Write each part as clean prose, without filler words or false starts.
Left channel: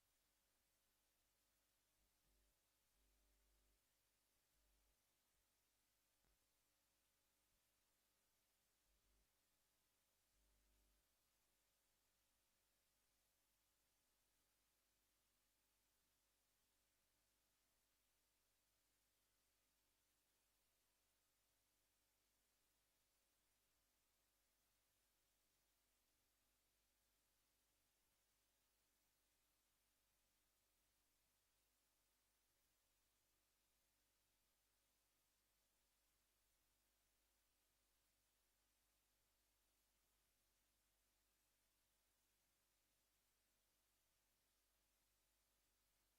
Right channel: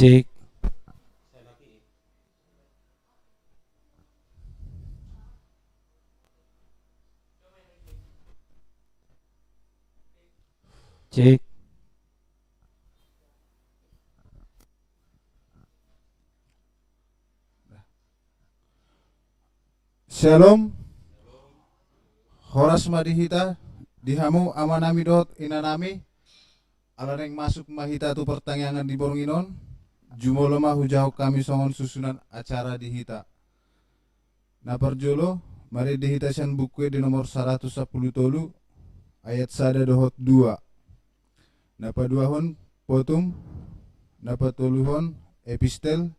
Cek. Cek. Shalom, horas madihita, dihamu amanami dot inanami, alareng masuk mahita tu pertanyaan di boronginon, jumoloma hujau kami songon susunan acara dihita. Na parjolo, mari dihita sian buku di nomor 110 tolu, ayat sada dohot 2. Na paduahon potum, na patoluhon epistel,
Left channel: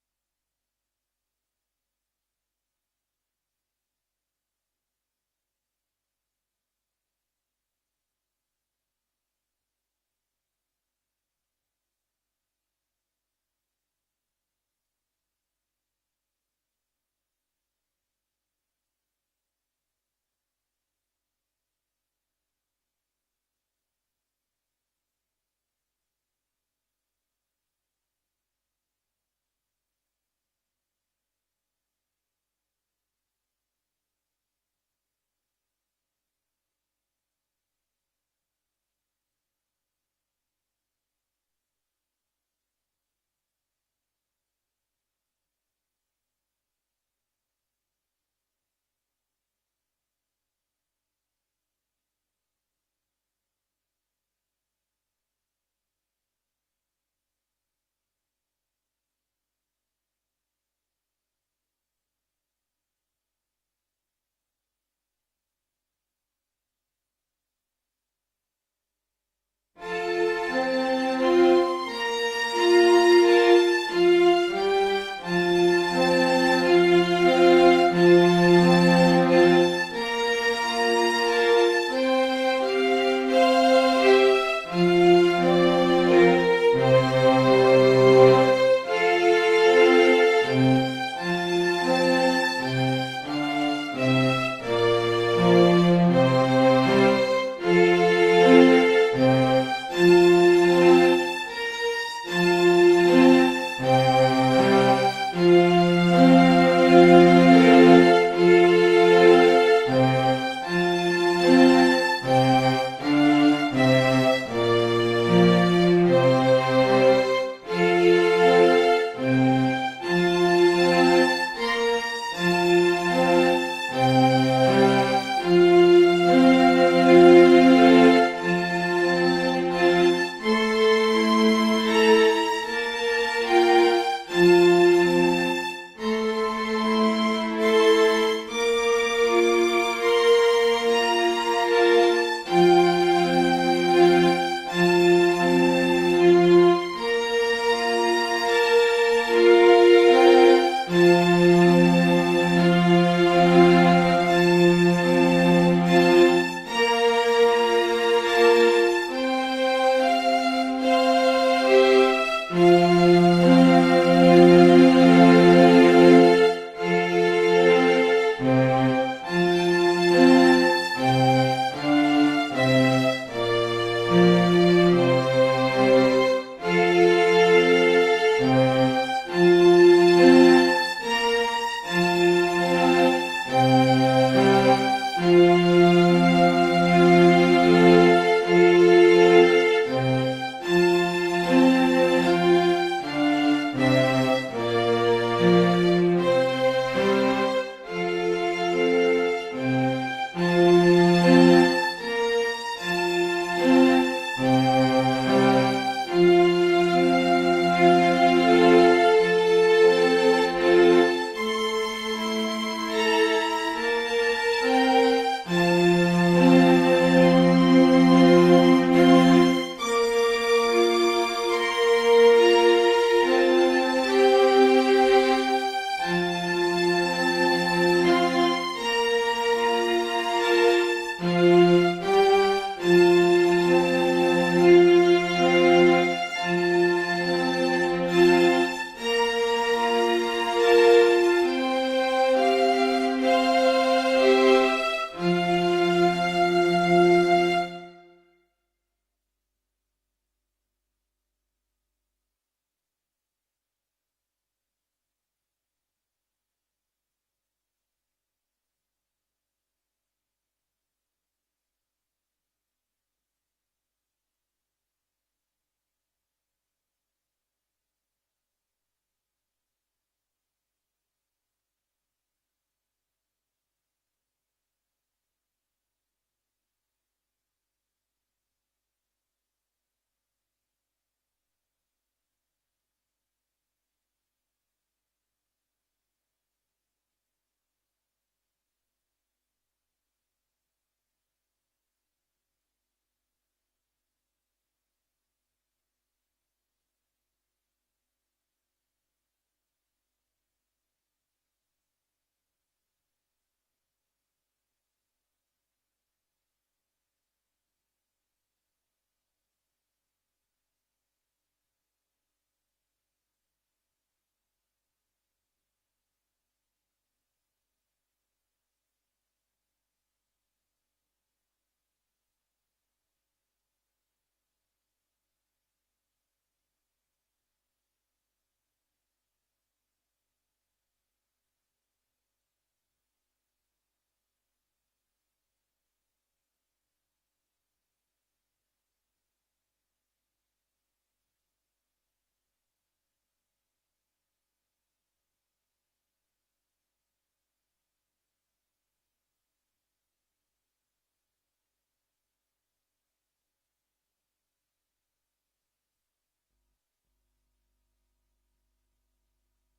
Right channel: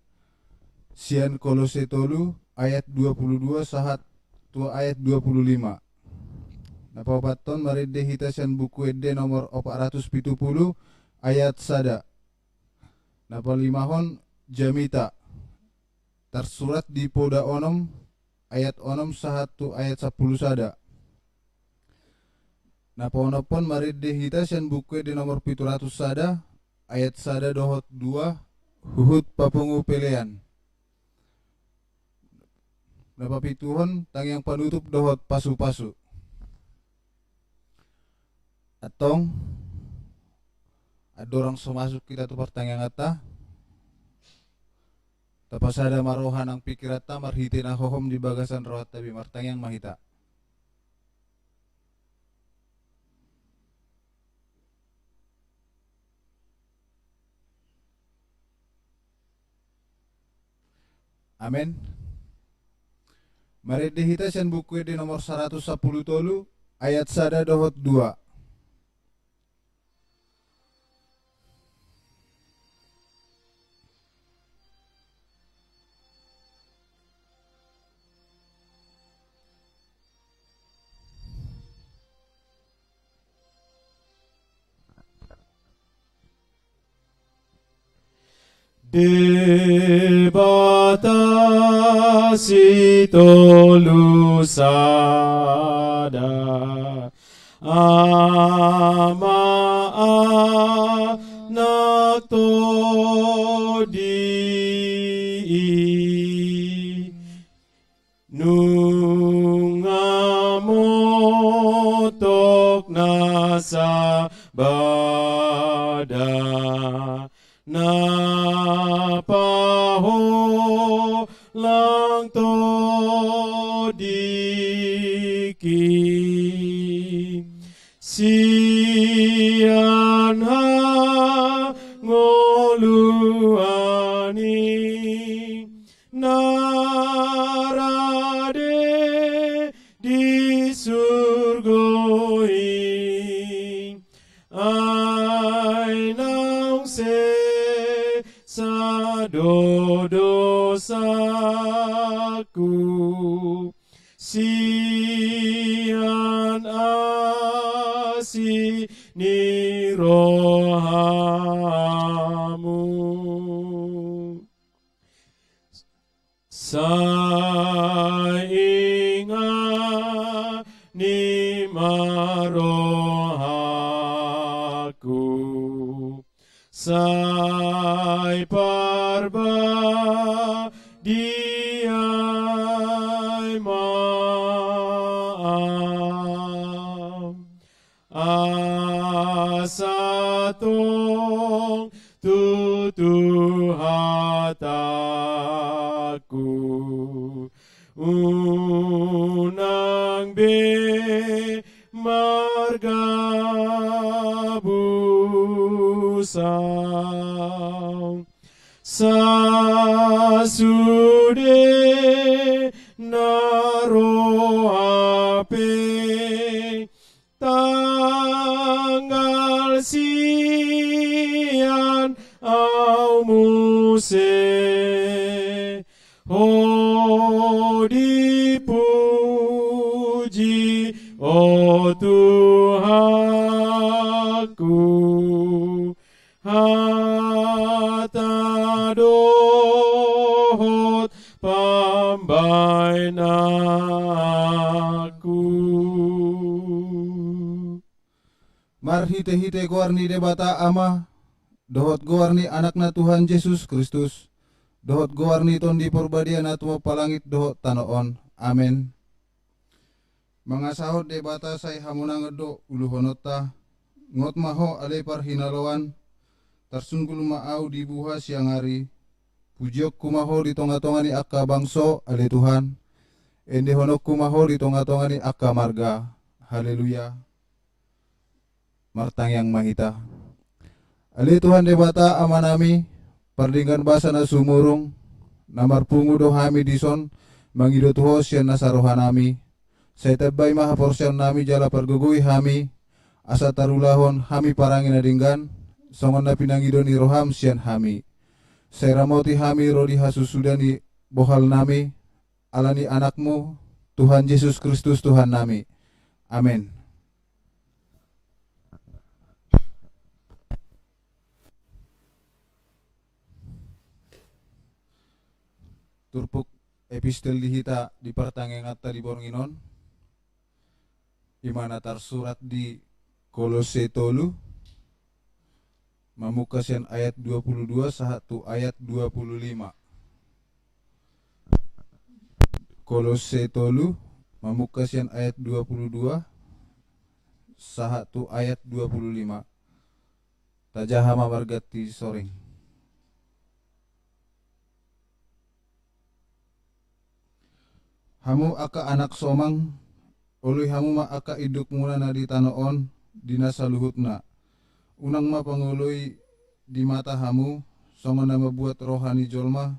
sian kolose tolu, ayat 22 sahat tua ayat 25. Napapaton mari dehita sian buku ede nomor 470 ayat sada. Napalimahon jamita tersurat di poda onom ayat onom sahat tu ayat 10 sada. Napaonopon mari dehita sian buku ede nomor 700 sada ayat sada dohot 2 huhut papungu pelean. Napapituhon tangyang panutup dohot pasu-pasu. Atong adorang semasuk kita tu pertanyaan ata tapasada marohan ang pikirata marhiti na hohom di bagasan rohat tabi martanyang mahita. Amen. Mari dihita sian buku di nomor 110 tolu ayat sada dohot 2. Ibatasi tolu sana ama na todiri lungamotok nasa Marhite-hite ko arni debata ama dohot goarni anakna Tuhan Yesus Kristus, dohot goarni ton di perbadian atmo palangit dohot tanoon. Amin. Mangasahot debata say hamuna ngedo uluhonota, ngot maho alepar hinalawan, tarsunggul maau di buha siang hari, pujiok kumaho di tonga-tonga ni akka bangso ale Tuhan, ende honok kumaho di tonga-tonga ni akka marga. Haleluya. Martang yang mahita. Ali Tuhan debata amanami, pardingkan basa na sumurung, namar pungu do hami dison, mangido tuho siyan nasarohanami, say tabay mahaporsyan nami jala pargugui hami, asa tarulahon hami parangin adinggan, songon na pinangido ni roham siyan hami. Say ramoti hami rodi hasusudan ni bohal nami, alani anakmu, Tuhan Yesus Kristus Tuhan nami. Amin. Turpuk epistel dihita di pertangengatta di Boronginon, imana tarsurat di Kolose tolu, mamukasian ayat 22 sahatu ayat 25. Kolose tolu, mamukasian ayat 22 sahatu ayat 25. Tajahama margati soring. Hamu aka anak somang, uluy hamu ma aka iduk muna na di tanoon, dinasa luhutna. Unang mapanguloy di mata hamu, songon na mabuat rohani jolma,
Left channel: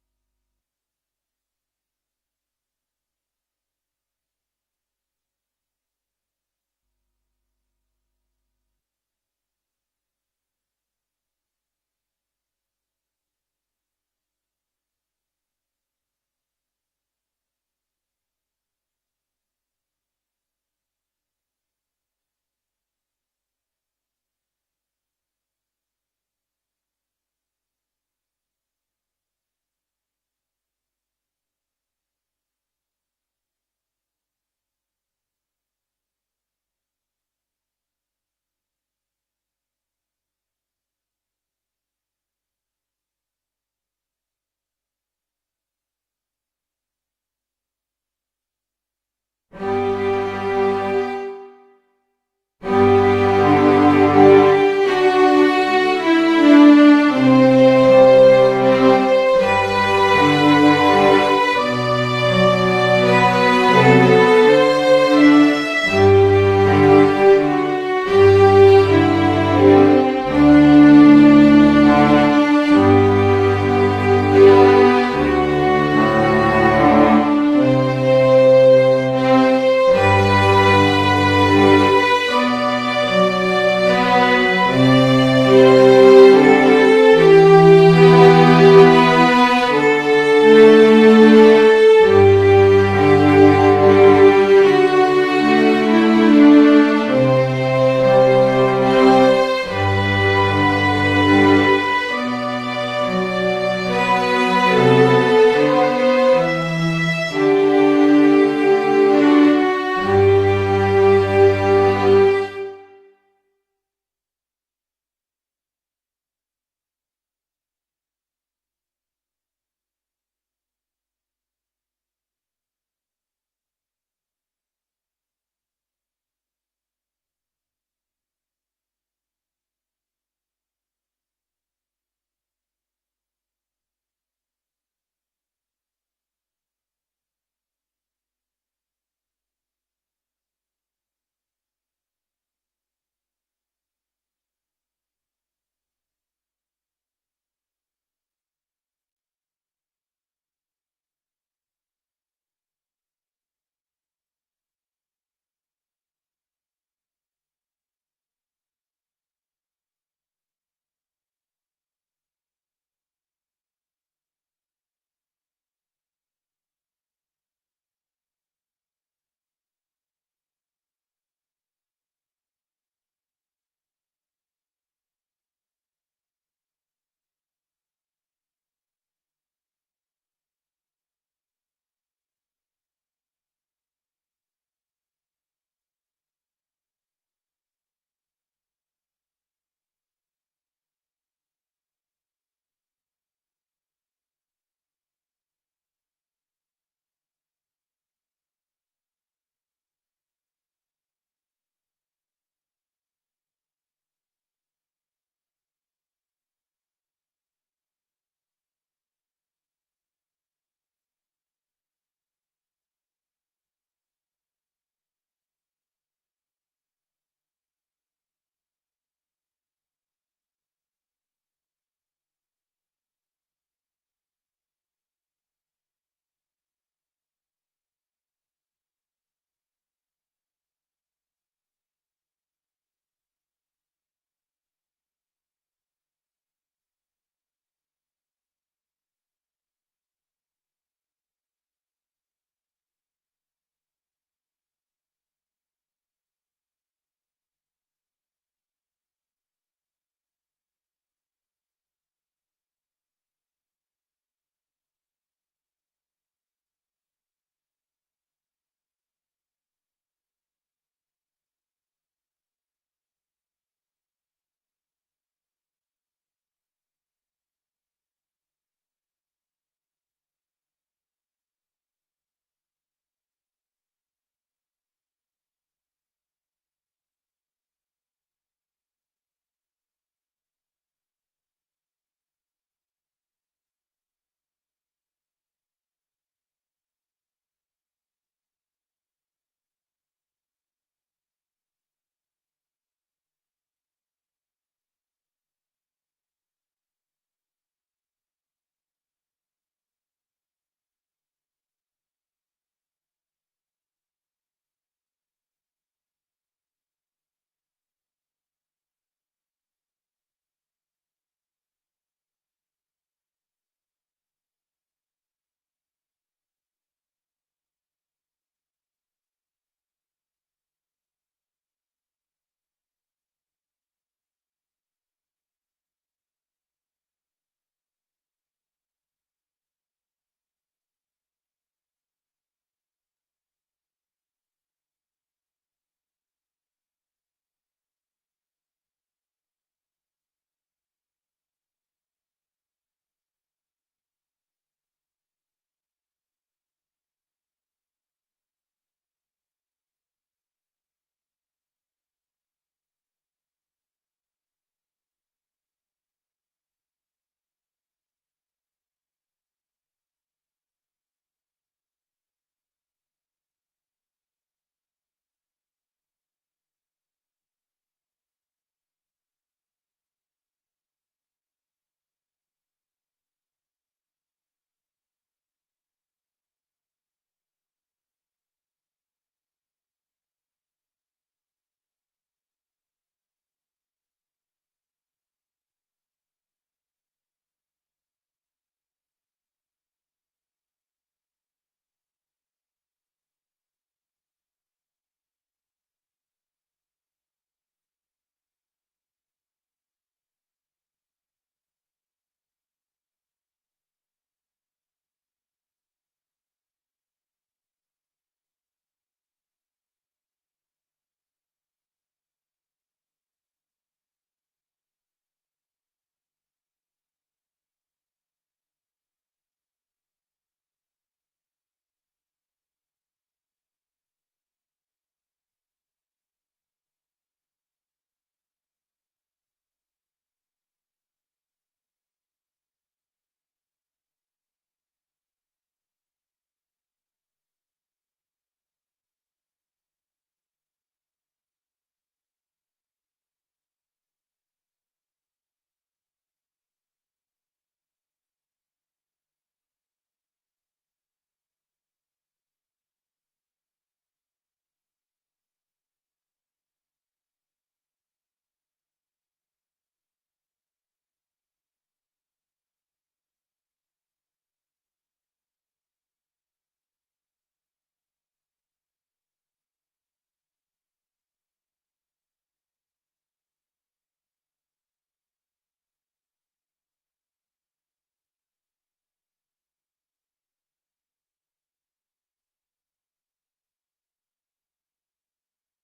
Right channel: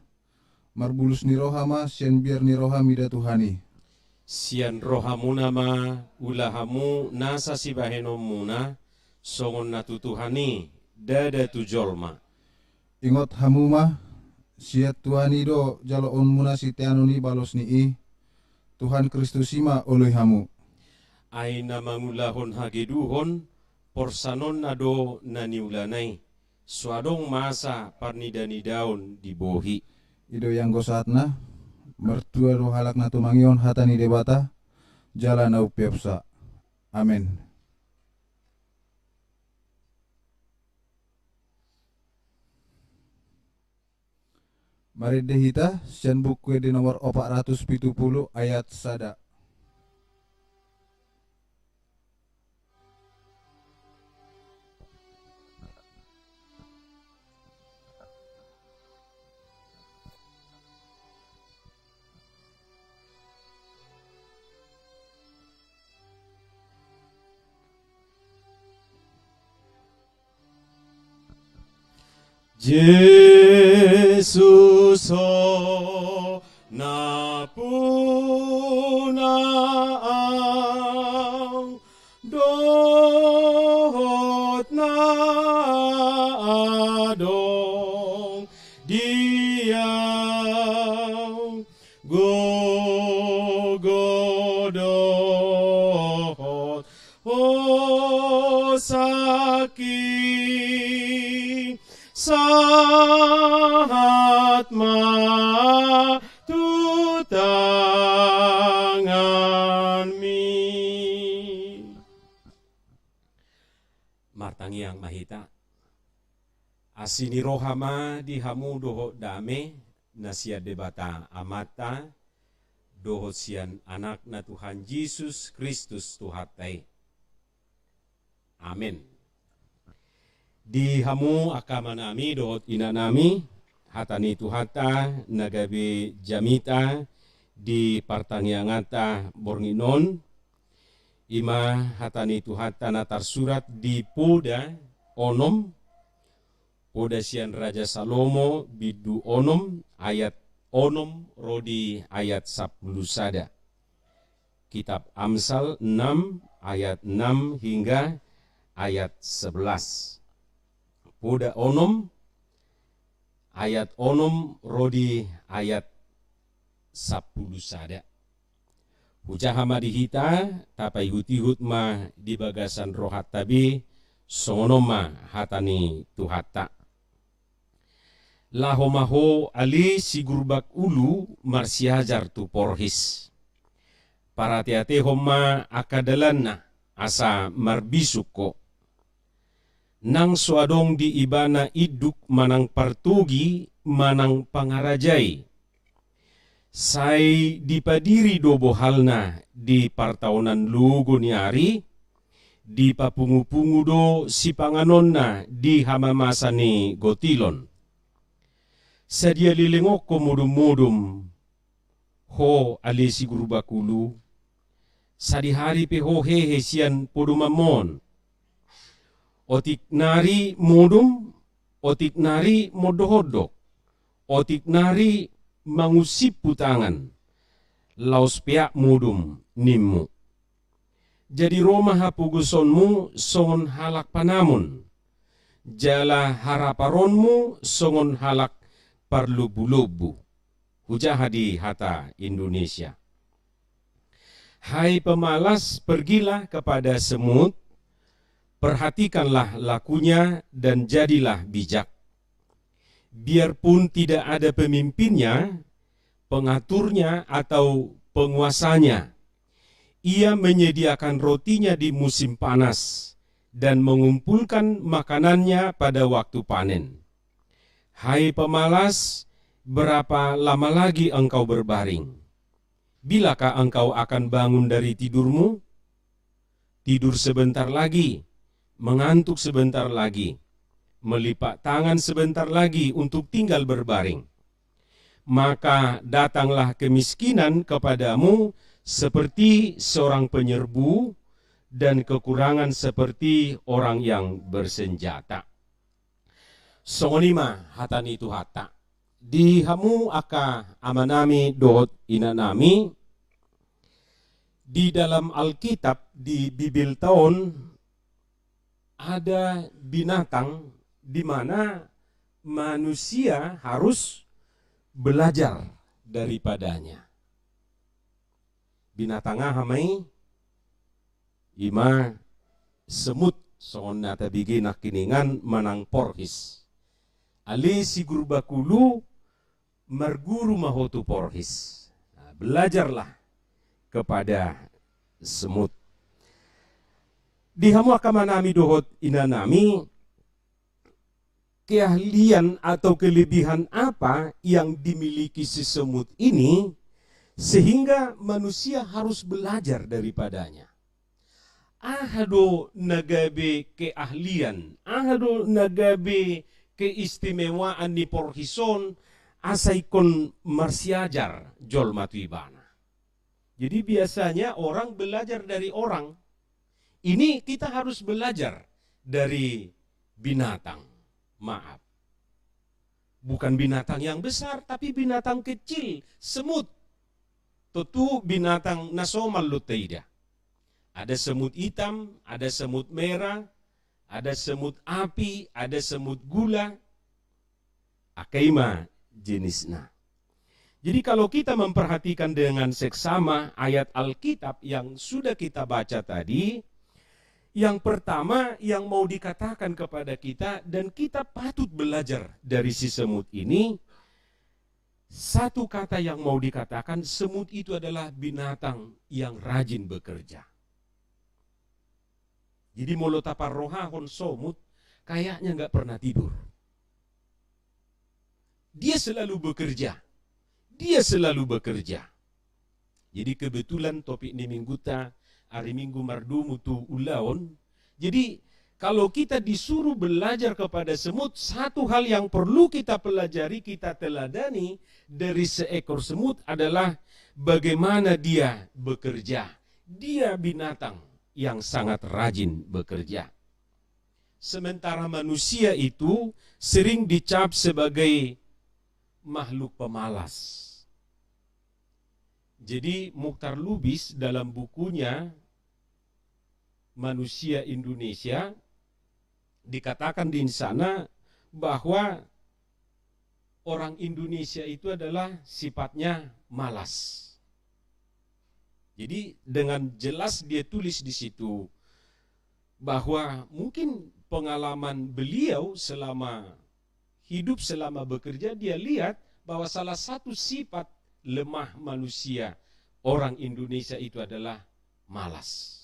marbulus ni rohama, sian biar ni roha mida Tuhani. Sian rohamuna ma ulahamu nasa sibahenom muna, songon natutuhani dada tujolma. Ingot hamu ma, siat Tuhani do jaloon muna si teano ni balos ni i, Tuhan Kristus ima uluy hamu. Aina mangulahon hageduhon, porsanon nado naniulanay, suadong masa parnidani daun di bohi. Ido yang gosatna, mertua do halak na tumangion hatani debata, jala na upiapsa. Amin. Mari dehita, sian buku di nomor 470 ayat sada. Martangiang mahita. Asini rohama di hamu doho dame, nasia debata amata, doho sian anak na Tuhan Yesus Kristus Tuhatai. Amin. Di hamu akamanami dohot inanami, hatani Tuhata nagabe jamita di partangiangata Boronginon, ima hatani Tuhata natar surat di Poda onom, Poda sian Raja Salomo bidu onom ayat onom rodi ayat 10 sada. Kitab Amsal 6 ayat 6 hingga ayat 11. Poda onom ayat onom rodi ayat 10 sada. Hujahama dihita tapai hutihut ma di bagasan rohat tabi sonoma hatani Tuhata. Lahomaho ali sigurbak ulu marsiajar tu porhis. Paratiate homa akadalanna asa marbisuko. nang suadong di ibana iduk manang partugi manang pangarajai. Sai dipadiri dobo halna di partaunan lugo ni ari, di papungu-pungu do si panganonna di hamamasa ni gotilon. Sadia lilingok ko mudum-mudum, ho alisi guru bakulu, sadihari pe ho hehe sian podumamon. Otik nari mudum, otik nari modohodok, otik nari mangusip putangan, laus piak mudum nimmu. Jadi Roma hapugusonmu songon halak panamun, jala haraparonmu songon halak parlubu-lubu. Hujah di hata Indonesia. Hai pemalas, pergilah kepada semut, perhatikanlah lakunya dan jadilah bijak. Biarpun tidak ada pemimpinnya, pengaturnya atau penguasanya, ia menyediakan rotinya di musim panas dan mengumpulkan makanannya pada waktu panen. Hai pemalas, berapa lama lagi engkau berbaring? Bilakah engkau akan bangun dari tidurmu? Tidur sebentar lagi, mengantuk sebentar lagi, melipat tangan sebentar lagi untuk tinggal berbaring. Maka datanglah kemiskinan kepadamu seperti seorang penyerbu dan kekurangan seperti orang yang bersenjata. Songonima hatan itu hata. Di hamu aka amanami dohot inanami, di dalam Alkitab di Bibil tahun ada binatang di mana manusia harus belajar daripadanya. Binatang hamai ima semut songon nata bigi nakiningan manang porhis. Ali si guru bakulu marguru mahotu porhis. Nah, belajarlah kepada semut. Di hamu akamanami dohot inanami, keahlian atau kelebihan apa yang dimiliki si semut ini sehingga manusia harus belajar daripadanya. Ahado nagabe keahlian, ahado nagabe keistimewaan ni porhison asaikon marsiajar jol matuibana. Jadi biasanya orang belajar dari orang. Ini kita harus belajar dari binatang. Maaf. Bukan binatang yang besar, tapi binatang kecil, semut. Tentu binatang nasomal lutaida. Ada semut hitam, ada semut merah, ada semut api, ada semut gula. Akaima jenisnya. Jadi kalau kita memperhatikan dengan seksama ayat Alkitab yang sudah kita baca tadi, yang pertama yang mau dikatakan kepada kita dan kita patut belajar dari si semut ini, satu kata yang mau dikatakan, semut itu adalah binatang yang rajin bekerja. Jadi molotapar rohahon somut kayaknya nggak pernah tidur. Dia selalu bekerja. Dia selalu bekerja. Jadi kebetulan topik ini mingguta hari Minggu mardumu tu ulaon. Jadi kalau kita disuruh belajar kepada semut, satu hal yang perlu kita pelajari, kita teladani dari seekor semut adalah bagaimana dia bekerja. Dia binatang yang sangat rajin bekerja. Sementara manusia itu sering dicap sebagai makhluk pemalas. Jadi Mukhtar Lubis dalam bukunya Manusia Indonesia dikatakan di sana bahwa orang Indonesia itu adalah sifatnya malas. Jadi dengan jelas dia tulis di situ bahwa mungkin pengalaman beliau selama hidup, selama bekerja, dia lihat bahwa salah satu sifat lemah manusia orang Indonesia itu adalah malas.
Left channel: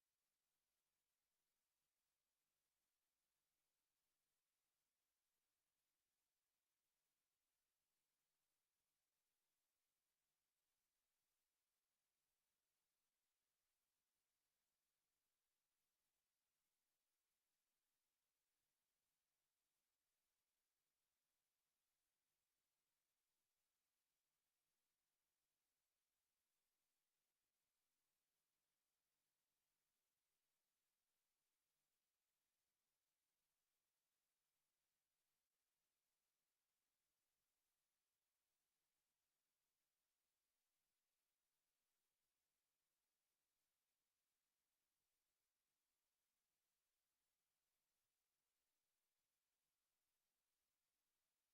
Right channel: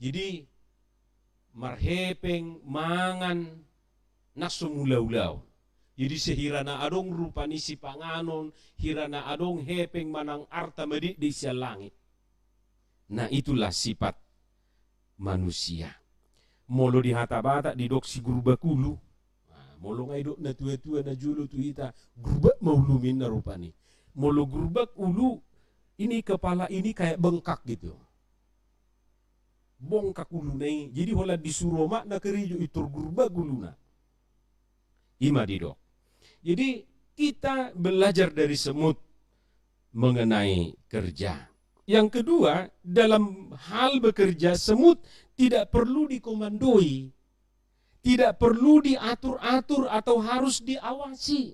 Jadi marhepeng, mangan, nasumulaw-ulaw. Jadi sehirana adong rupani si panganon, hirana adong hepeng manang arta medi di sia langit. Nah itulah sifat manusia. Molo di hata-bata di dok si guru bakulu. Nah, molo ngai dok na tua-tua na julu tu ita grubak maulumin na rupani. Molo grubak ulu ini kepala ini kayak bengkak gitu. Bongkak ulu nai. Jadi hola disuruh mak na kerijo itur grubak guluna. Ima di dok. Jadi kita belajar dari semut mengenai kerja. Yang kedua, dalam hal bekerja, semut tidak perlu dikomandoi. Tidak perlu diatur-atur atau harus diawasi.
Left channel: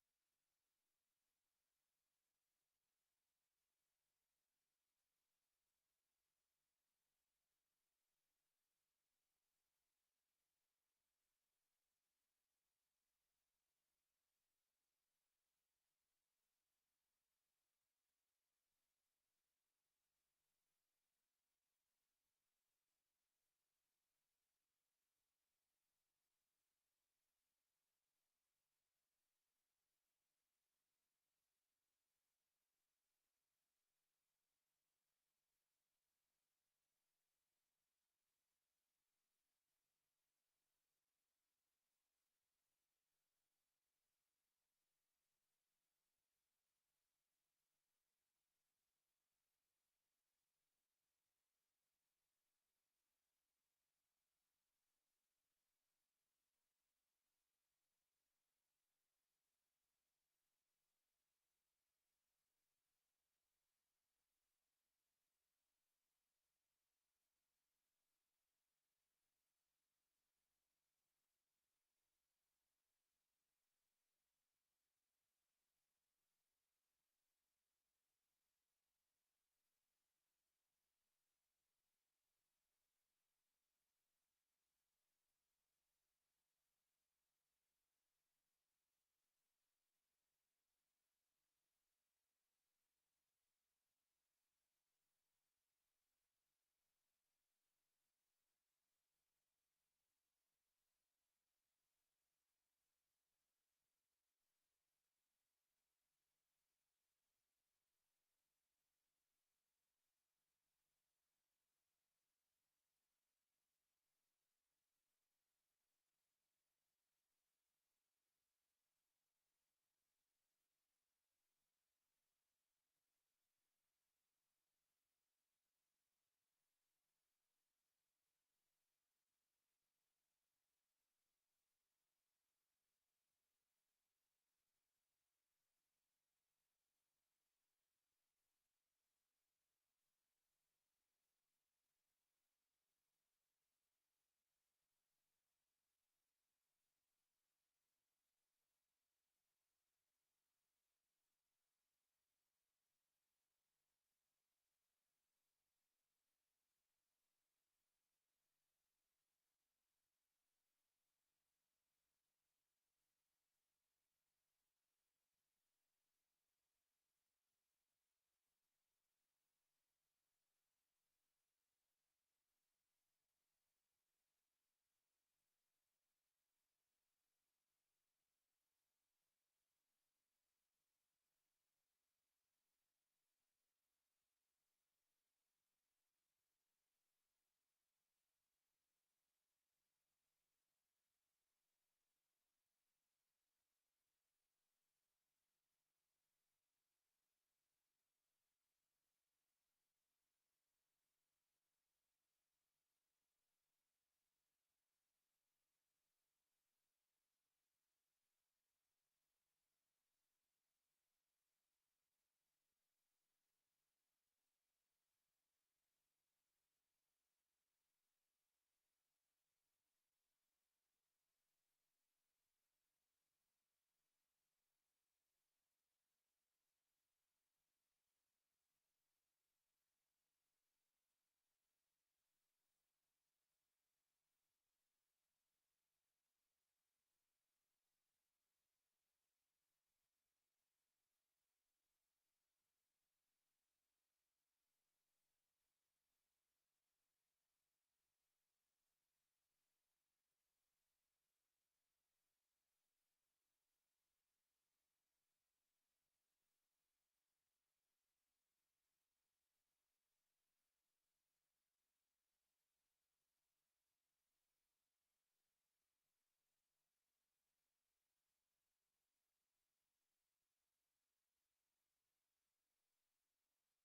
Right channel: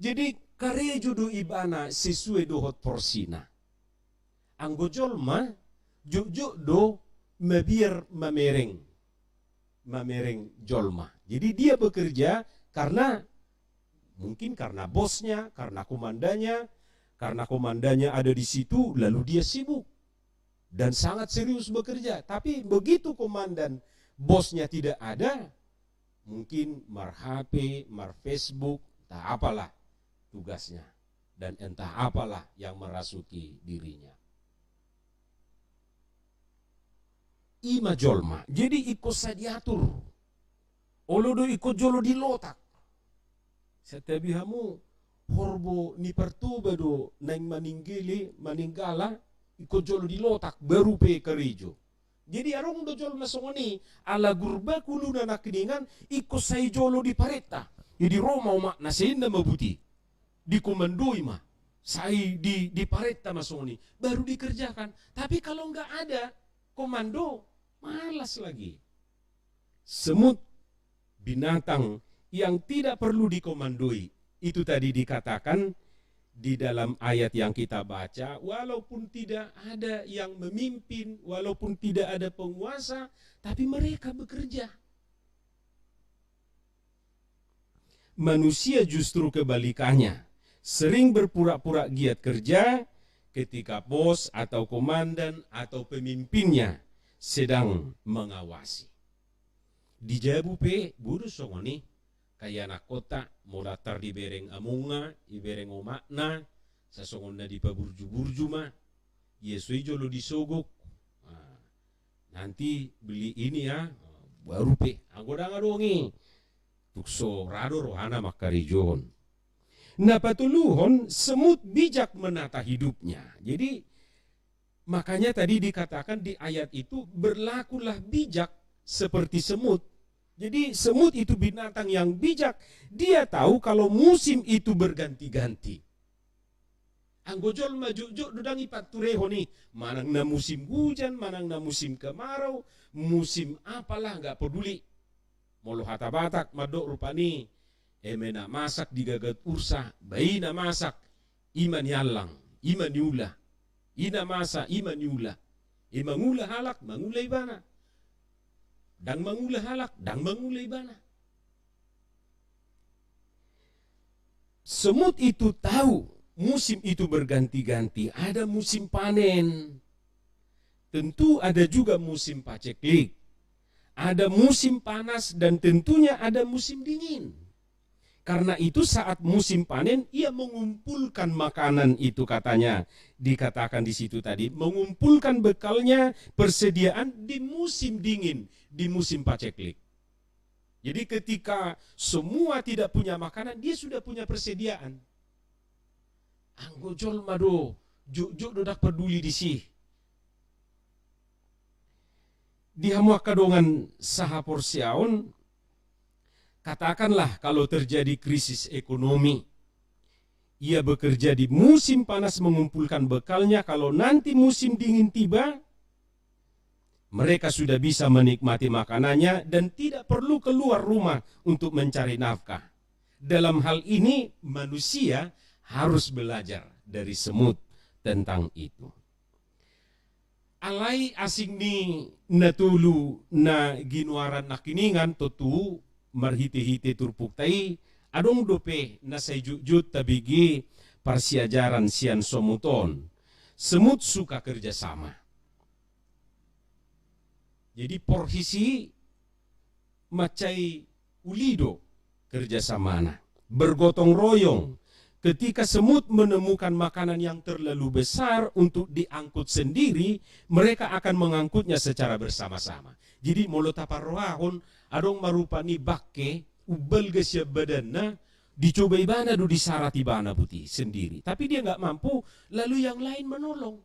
Jadi karejo do ibana sesuai do hot porsina. Anggo jolma juk do mabiar mamereng. Mamereng jolma. Jadi dia bekerja karena mungkin karena bosnya, karena komandanya ada di situ, lalu dia sibuk dan sangat serius bekerja. Tapi begitu komandan bosnya tidak ada, mungkin mar HP, mar Facebook, entah apalah tugasnya dan entah apalah yang merasuki dirinya. Ima jolma, jadi ikut diatur. Olodo ikut jolo di lotak. Setiap hamu horbo ni pertuba do nang maningala ikut jolo di lotak baru pe kerijo. Jadi arong do jolo nasongoni ala gurba kulu na nakiningan ikut say jolo di pareta. Jadi Roma mak nasinda mabuti. Di komandoi mah. Say di pareta masongoni baru dikerjakan. Tapi kalau enggak ada komando malas lagi. Semut binatang yang tidak perlu dikomandoi. Itu tadi dikatakan di dalam ayat yang kita baca, walaupun tidak ada yang memimpin, walaupun tidak ada penguasa, tapi mereka bekerja. Manusia justru kebalikannya, sering berpura-pura giat kerja ketika bos atau komandan atau pemimpinnya sedang mengawasi. Di Jabu pe buru songoni kaya anak kota mulatar di bereng amunga, di bereng omakna, sasongon na di paburju-burju ma, yesui jolo disogok. Nah, nanti beli ini ya, baru pe, anggoda ngadongi, tukso rado rohana makarijon. Nah patuluhon semut bijak menata hidupnya. Jadi makanya tadi dikatakan di ayat itu berlakulah bijak seperti semut. Jadi semut itu binatang yang bijak. Dia tahu kalau musim itu berganti-ganti. Anggojol majujuk dudang ipat tureho nih. Manang na musim hujan, manang na musim kemarau, musim apalah nggak peduli. Molo hata batak madok rupani. Emena masak digagat ursa, bayi na masak, iman yalang, iman yula. Ina masa, iman yula. Mangula halak, mangula ibana. Dang mangula halak, dang mangula ibana. Semut itu tahu musim itu berganti-ganti. Ada musim panen. Tentu ada juga musim paceklik. Ada musim panas dan tentunya ada musim dingin. Karena itu saat musim panen ia mengumpulkan makanan itu katanya. Dikatakan di situ tadi, mengumpulkan bekalnya persediaan di musim dingin, di musim paceklik. Jadi ketika semua tidak punya makanan, dia sudah punya persediaan. Anggojol mado, juk dodak peduli di sih. Di hamuak kadongan saha porsiaon, katakanlah kalau terjadi krisis ekonomi, ia bekerja di musim panas mengumpulkan bekalnya. Kalau nanti musim dingin tiba, mereka sudah bisa menikmati makanannya dan tidak perlu keluar rumah untuk mencari nafkah. Dalam hal ini manusia harus belajar dari semut tentang itu. Alai asing ni natulu na ginuaran nakiningan tutu marhiti-hiti turpuktai adong dope na sayjujut tabigi parsiajaran sian somuton. Semut suka kerjasama. Jadi porhisi macai ulido kerjasamana, bergotong royong. Ketika semut menemukan makanan yang terlalu besar untuk diangkut sendiri, mereka akan mengangkutnya secara bersama-sama. Jadi molo taparroahon adong marupani bakke ubel gesya badanna dicoba ibana do disarati bana putih sendiri. Tapi dia nggak mampu, lalu yang lain menolong.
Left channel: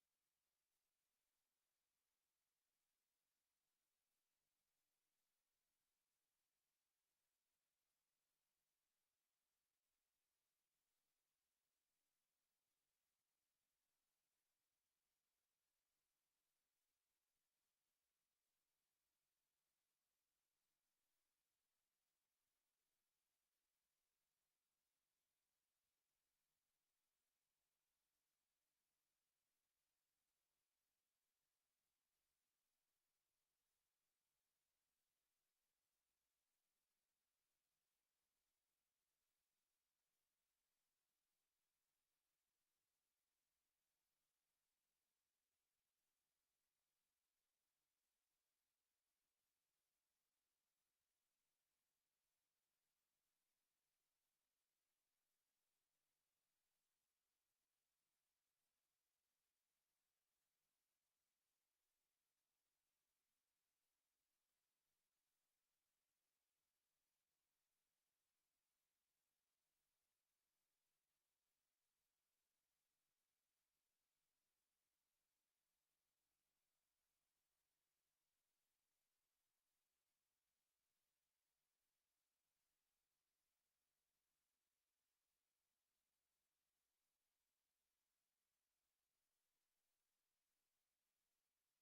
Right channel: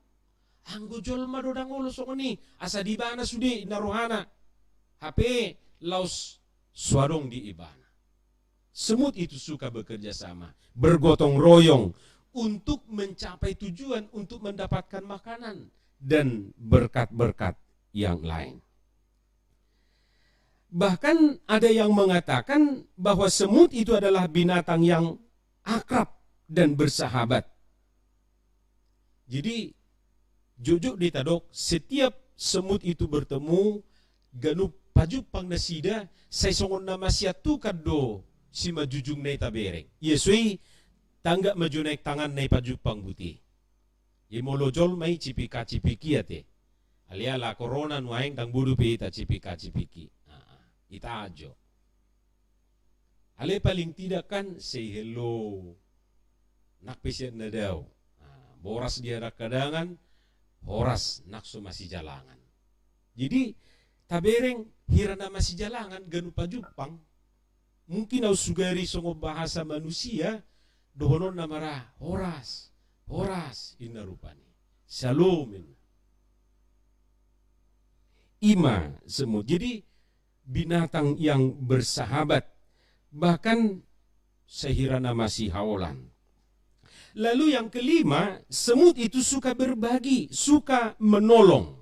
Anggo jolma do dangolo songoni asa di bana sudi narohana. HP laus suadong di ibana. Semut itu suka bekerja sama, bergotong royong untuk mencapai tujuan, untuk mendapatkan makanan dan berkat-berkat yang lain. Bahkan ada yang mengatakan bahwa semut itu adalah binatang yang akrab dan bersahabat. Jadi jujuk ditadok, setiap semut itu bertemu ganup paju pang nasida say songon nama siatu kado si majujung nay tabereng. Yesui tangga maju naik tangan nay paju pang buti. Ye molojol may cipika-cipiki ate. Alia la corona nuaing tang budu pe ita cipika-cipiki. Ita ajo. Ale paling tidak kan say hello. Nakpesya na daw. Boras dia kadangan, horas nakso masih jalangan. Jadi tabereng hirana masih jalangan ganu pajupang. Mungkin au sugari songo bahasa manusia dohonon namara horas, horas inna rupani. Shalom. Ima semut. Jadi binatang yang bersahabat, bahkan sehirana masih haolan. Lalu yang kelima, semut itu suka berbagi, suka menolong.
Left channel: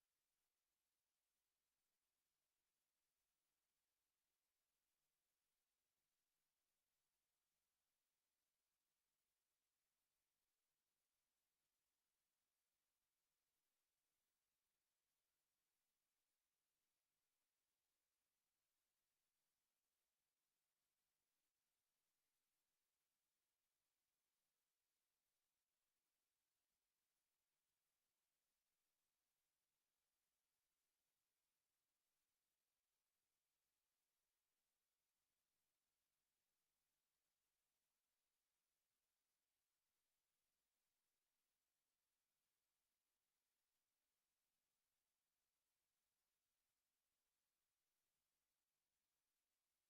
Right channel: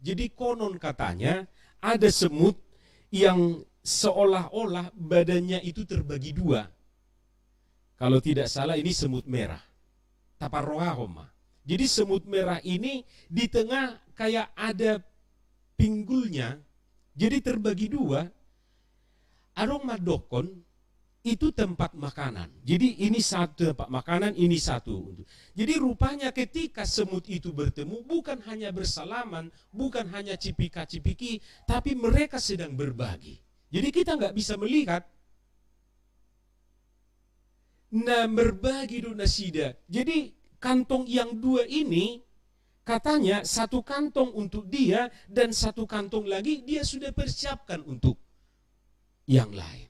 Jadi konon katanya ada semut yang seolah-olah badannya itu terbagi dua. Kalau tidak salah ini semut merah. Taparroahoma. Jadi semut merah ini di tengah kayak ada pinggulnya. Jadi terbagi dua. Adong madokon itu tempat makanan. Jadi ini satu tempat makanan, ini satu. Jadi rupanya ketika semut itu bertemu, bukan hanya bersalaman, bukan hanya cipika-cipiki, tapi mereka sedang berbagi. Jadi kita nggak bisa melihat. Nah, berbagi do nasida. Jadi kantong yang dua ini, katanya satu kantong untuk dia, dan satu kantong lagi dia sudah persiapkan untuk yang lain.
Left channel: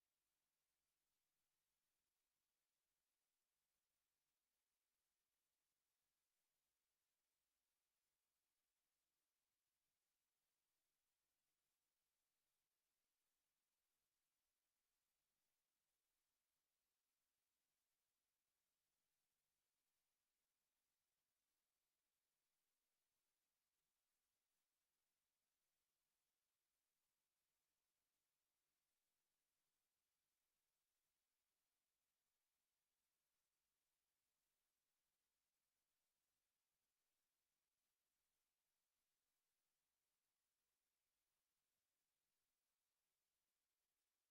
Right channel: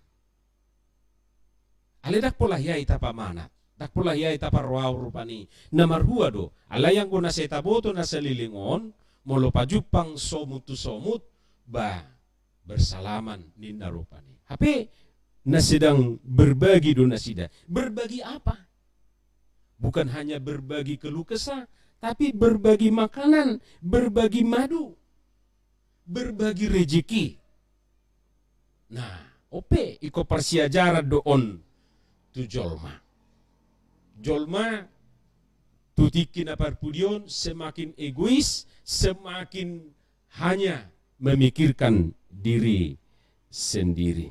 Ale dak pola yai tapa mana, dak pola yai tapa roau rupani. Namar hua do, ala yang guna seta boto na salilingon, molo pajupang somut tu somut, ba bersalaman ninda rupani. Hape na sedang berbagi do nasida. Berbagi apa? Bukan hanya berbagi keluh kesah, tapi berbagi makanan, berbagi madu, berbagi rejeki. Nah, ope iko persiajaran doon tu jolma. Jolma tutikin aparpudion semakin egois, semakin hanya memikirkan diri sendiri.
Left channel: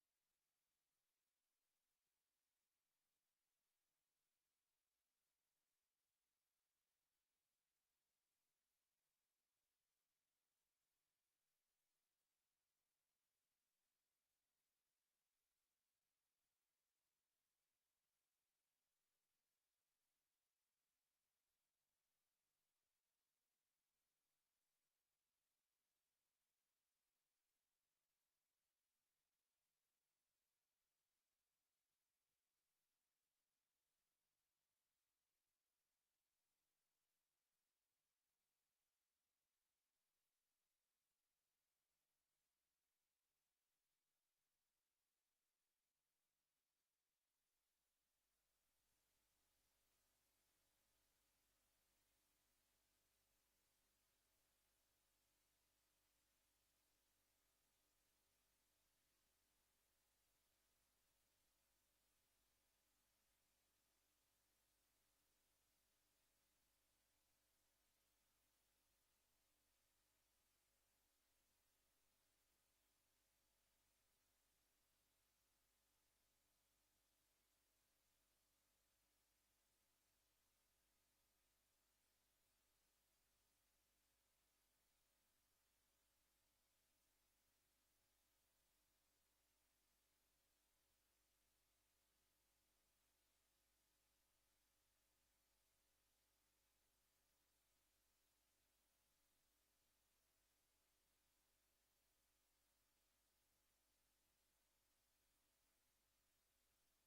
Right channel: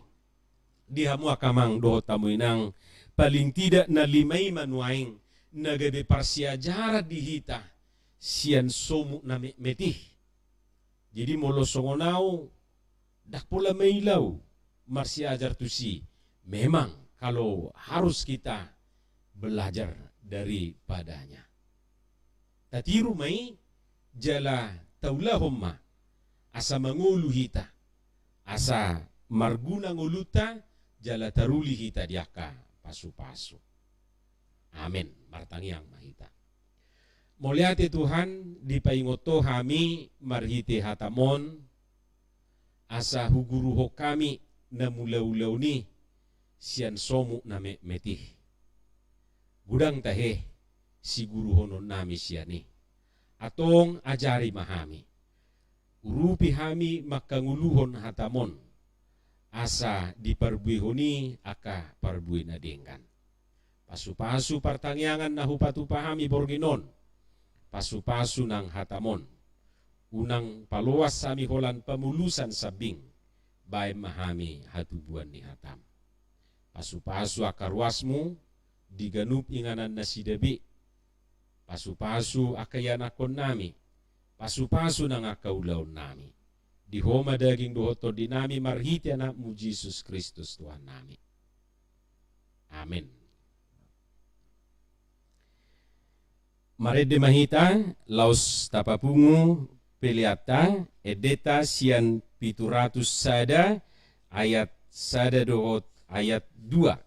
Dihamu akamang doho tamuinang paling tidak na limay manuaing nagabe parsiajaran dihita sian somu na metih. Jadi molo songonau dak pula mailau marsiajar tusi. Memang kalau harus kita belajar daripadanya. Tatiru mai jala taulahumma asa mangulu hita, asa marguna nguluta jala taruli hita diaka pasu-pasu. Amin. Martangiang mahita. Moliate Tuhan dipaingoto kami marhite hatamon asa huguruho kami na mulaw-ulaw ni sian somu na metih. Gudang tahe siguro honon nami siya ni. Atong ajari mahami. Urupi hami makanguluhon hatamon. Asa diparbuihoni aka parbuih na denggan. Pasu-pasu partangyangan na hupatupahami borginon. Pasu-pasu ng hatamon. Unang paluwas sami holan pamulusan sabing. Bay mahami hatubuan ni hatam. Pasu-pasu akarwasmu diganup inganan na sidabi. Pasu-pasu akayanakon nami. Pasu-pasu nang akaulaw nami. di homa daging dohoto dinami marhiti anakmu Yesus Kristus Tuhan nami. Amin. Marede mahita laus tapapungu peliata edeta sian 700 sada ayat sada dohot ayat 2.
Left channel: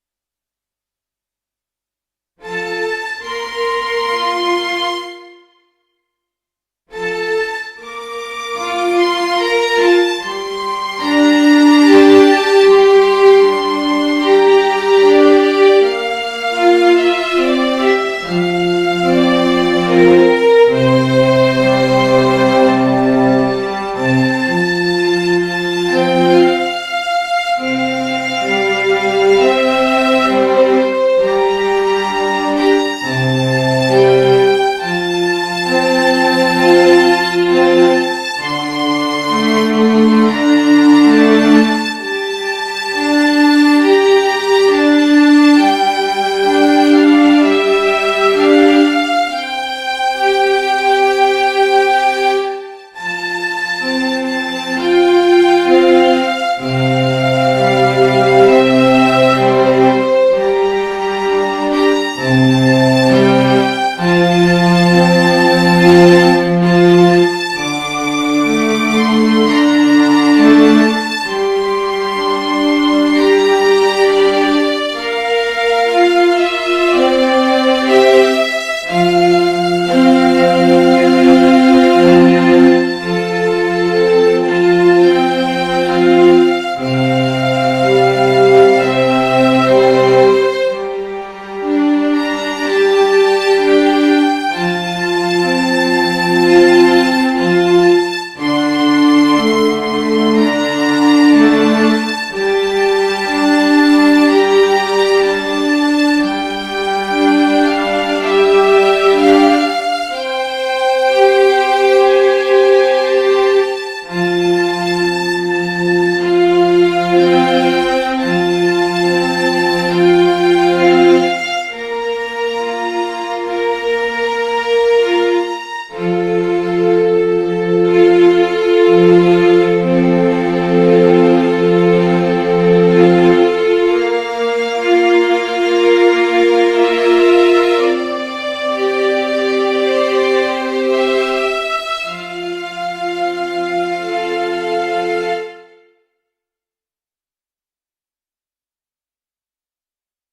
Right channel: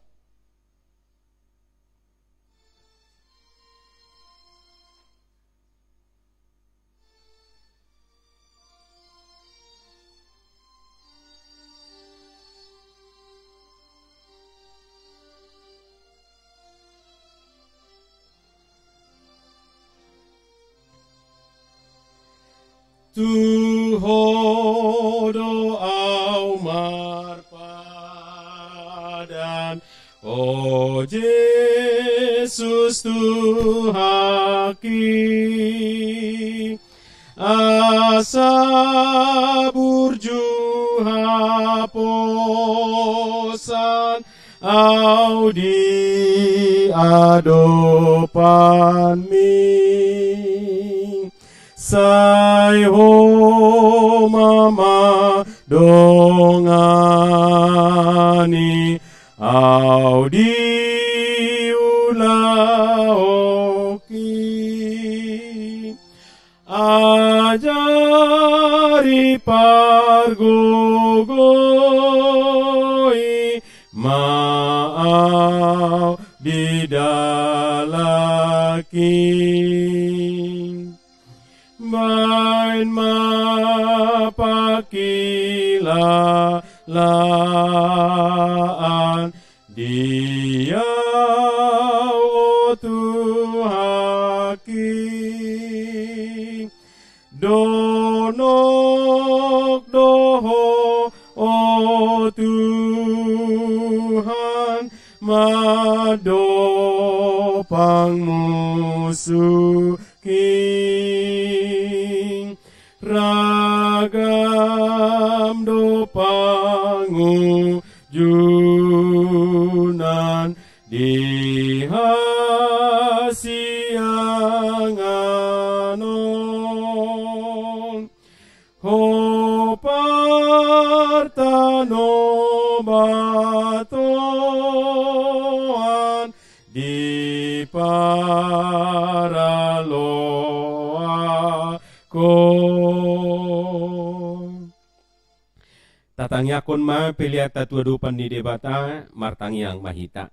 Tatangyakon ma peliata tua dupan di debata martangyang mahita.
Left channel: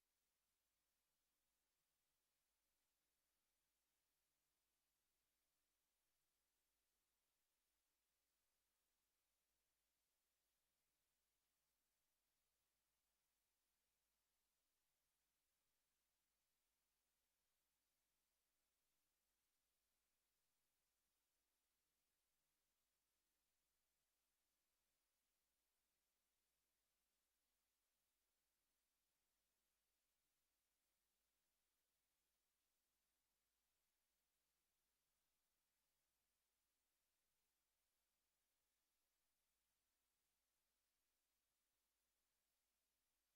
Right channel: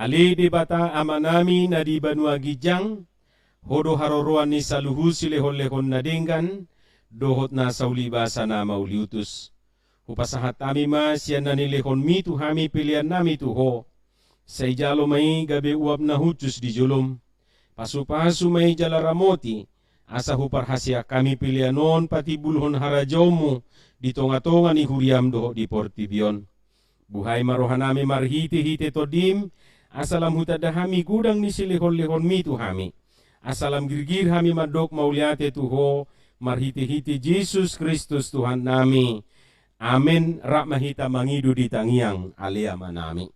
Ali debata amanami na di Banua Gijang, hodo haroroan ni saluhu silehon-lehon na denggan, dohot na saulibasa na mauliutus. Hupasahat ami ma siya nanilehon mi tu hami pilihan nami tu ho. Sa ijalo may gabi uap na hutus di julum. Pasupasu may jalaramoti, asa huparhasya kami pilihanon pati bulhon harajomu, di tonga-tonga ni huriam doho di Portibion. Buhay marohanami marhiti-hiti todim, asalam hutadahami gudang ni silihon-lihon mi tu hami. Asalam girgir hami madok mauliate tuho, marhiti-hiti Jesus Kristus Tuhan nami. Amin. Rak mahita mangidu di tangiang alea manami.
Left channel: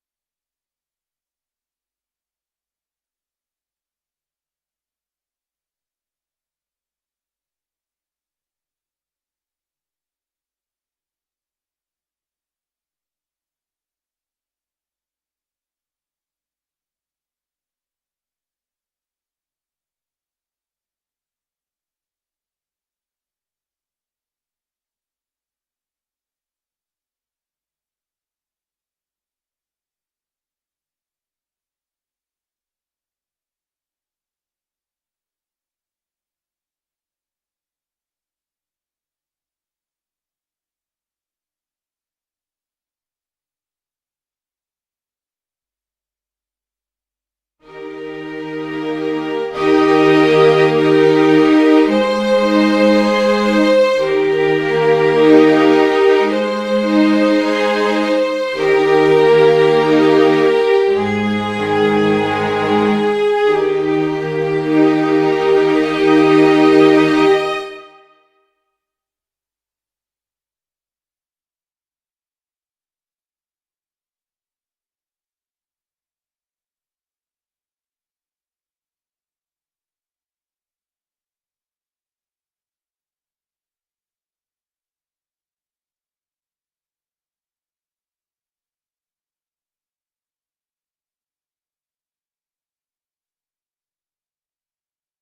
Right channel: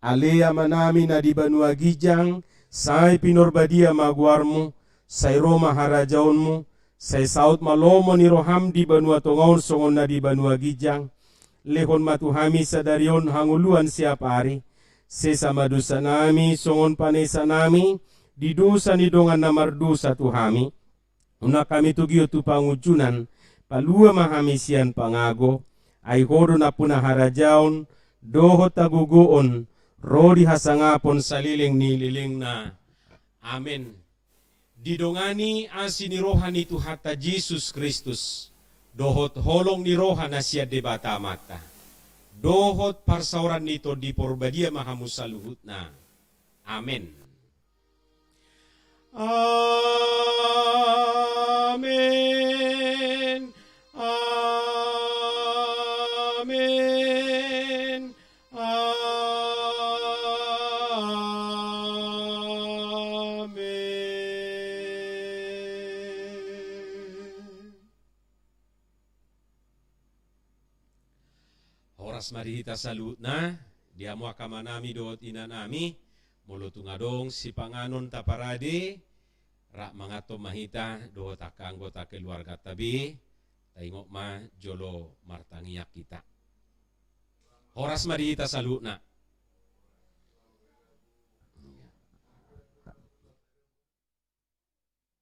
Alea manami na di Banua Gijang, say pinorbadia maguarmu, say Roma harajaunmu, say saut malomo ni roham di Banua Tongaon songon na di Banua Gijang, lehon matuhami sadarion hanguluan siap hari, sesama dosa nami songon panesa nami, di dosa ni dongan namar dosa tuhami, una kami tugio tu pangujunan, palua mahami sian pangago, ay hodo na punah harajaon, doho tagugoon, rodi hasangapon saliling ni liling na. Amin. Didongani asini rohani tu hatta Jesus Kristus, dohot holong ni rohan na siya debata mata, dohot parsauran nito di porbadia mahamusaluhut na. Amin. Mari kita salut na dia mo akamanami doot inanami mulo tungadong si panganon taparade rak mangato mahita doot akanggota keluarga tabi Tengok ma jolo martangiak kita. Horas mari kita saluna.